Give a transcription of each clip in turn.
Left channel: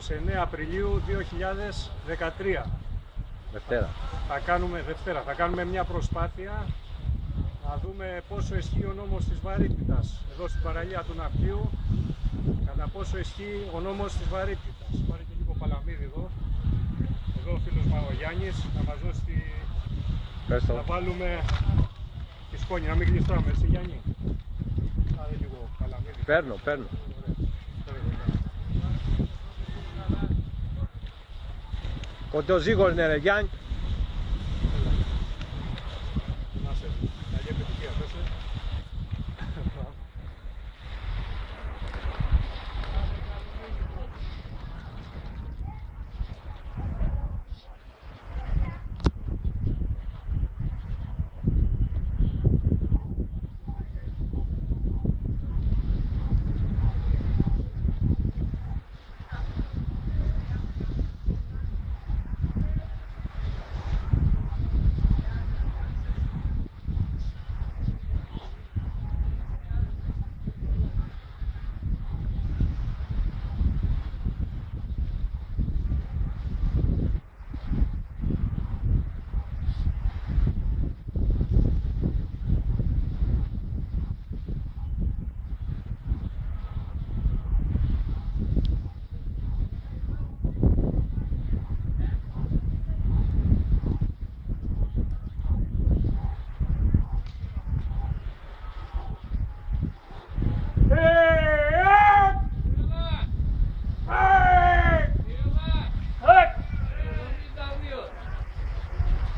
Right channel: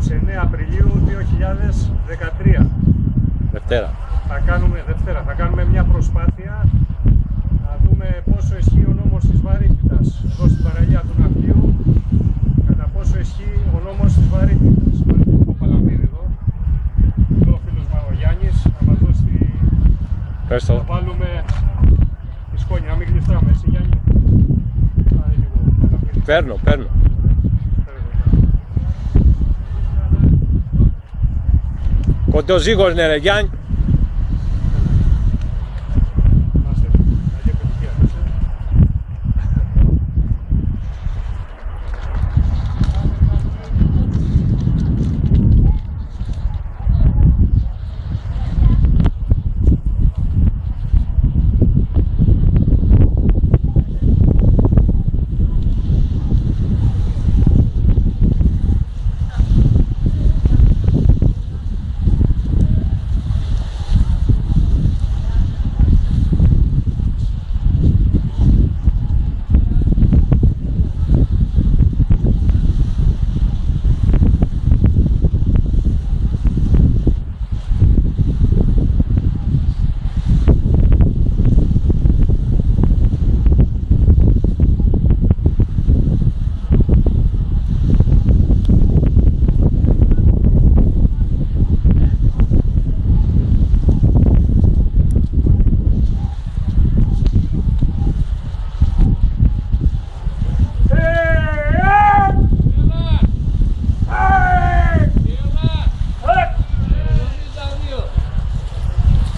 29 Απριλίου 2013. Δευτέρα. Θα κάνουμε μια προσπάθεια να δούμε πόσο ισχύει ο νόμος της βαρύτητας εδώ στην παραλία του ναυτίου, κατά πόσο ισχύει ο νόμος της βαρύτητας. Υπάρχει ο Παλαμίδη εδώ ο φίλος Μαγογιάννης, να μας δώσει να βάλουμε τη σκόνη, να μην γλιστράμε. Εσύ Γιάννη, πάρε λίγο Παλαμίδη. Παίρνω. Κοντοζύγος, ναι ρε Γιάννη.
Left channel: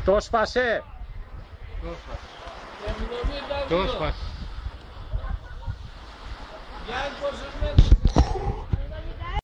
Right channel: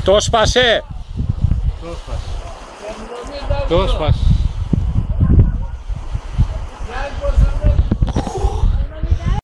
Το σπάσε! Το σπάσε.